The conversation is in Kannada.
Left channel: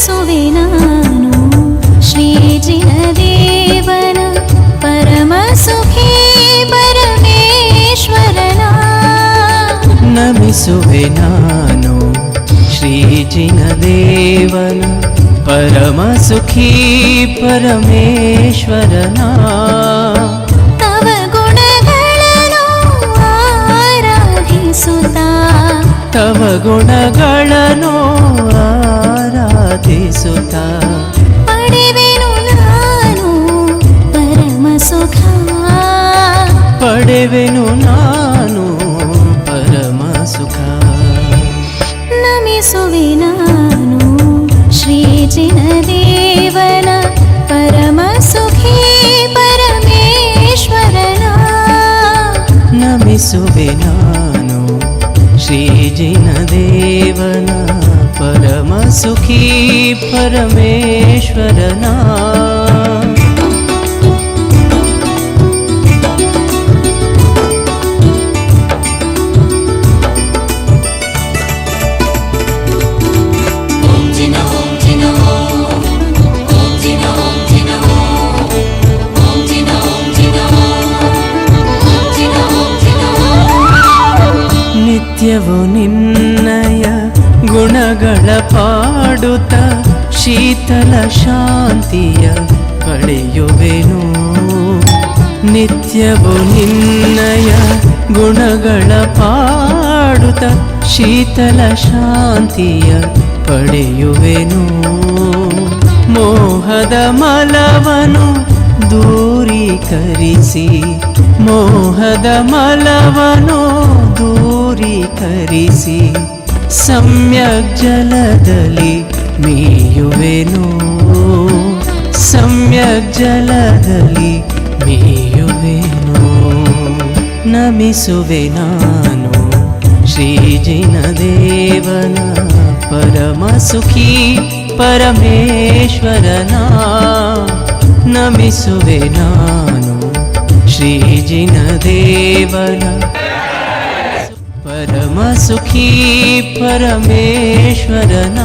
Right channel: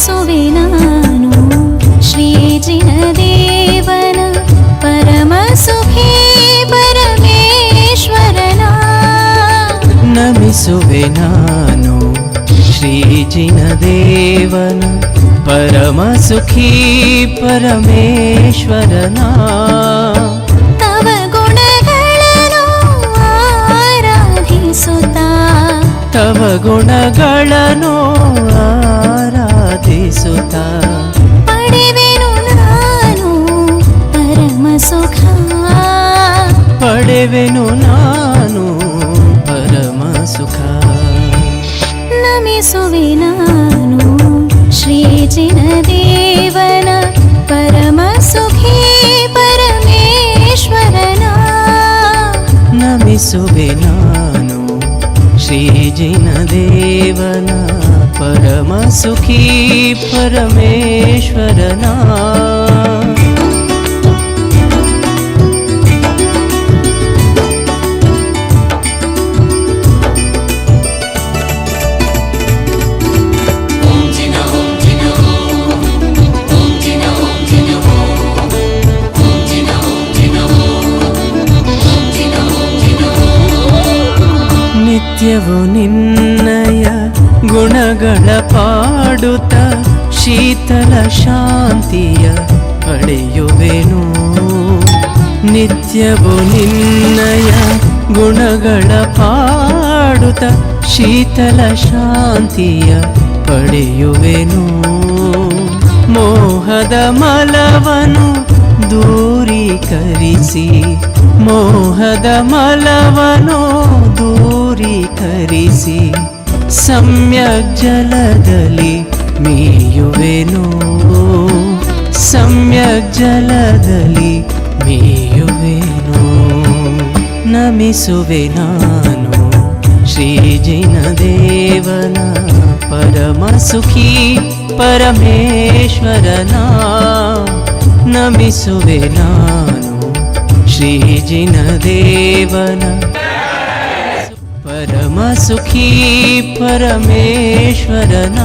ಸ್ತುತಿಸುವೆ ನಾನು. ಶ್ರೀಜಿನ ದೇವನ ಪರಮ ಸುಖಿ ಪರಮೇಶ್ವರನ. ನಮಿಸುವೆ ನಾನು. ಶ್ರೀಜಿನ ದೇವನ ಪರಮ ಸುಖಿ ಪರಮೇಶ್ವರನ. ತವ ಗುಣಗಳನು ಆರಾಧಿಸುತ್ತಾ. ತವ ಗುಣಗಳನು ಆರಾ ಪಡೆವೆನು ನಾನು ಪರಮ ಸುಖ ಪಡೆವೆನು ನಾನು ಪರಮ ಸುಖ ನಮಿಸುವೆ ನಾನು ಶ್ರೀಜಿನ ದೇವನ ಪರಮ ಸುಖಿ ಪರಮೇಶ್ವರನ ನಮಿಸುವೆ ನಾನು ಶ್ರೀಜಿನ ದೇವನ ಪರಮ ಸುಖಿ ನಿತ್ಯವು ನಿನ್ನಯ ಗುಣಗಳ ಪಾಡುತ್ತ ಶೀತಲ ಶಾಂತಿಯ ಪಡೆಯುವೆನು ನಿತ್ಯವು ನಿನ್ನಯ ಗುಣಗಳ ಪಾಡುತ್ತ ಶೀತಲ ಶಾಂತಿಯ ಪಡೆಯುವೆನು ಮೋಹದ ಮಲವನು ದೂರೀಕರಿಸಿ, ಮೋಹದ ಮಲವನು ದೂರೀಕರಿಸಿ, ಸಮ್ಯಕ್ ಜಲದಲ್ಲಿ ಮೇಯುವೆನೋ. ಸಮ್ಯಕ್ ಜಲದಲ್ಲಿ ಮೇಯುವೆನೋ. ನಮಿಸುವೆ ನಾನು ಶ್ರೀಜಿನ ದೇವನ ಪರಮ ಸುಖಿ ಪರಮೇಶ್ವರನ ನಮಿಸುವೆ ನಾನು ಶ್ರೀಜಿನ ದೇವನ ಪರಮ ಸುಖಿ ಪರಮೇಶ್ವರನ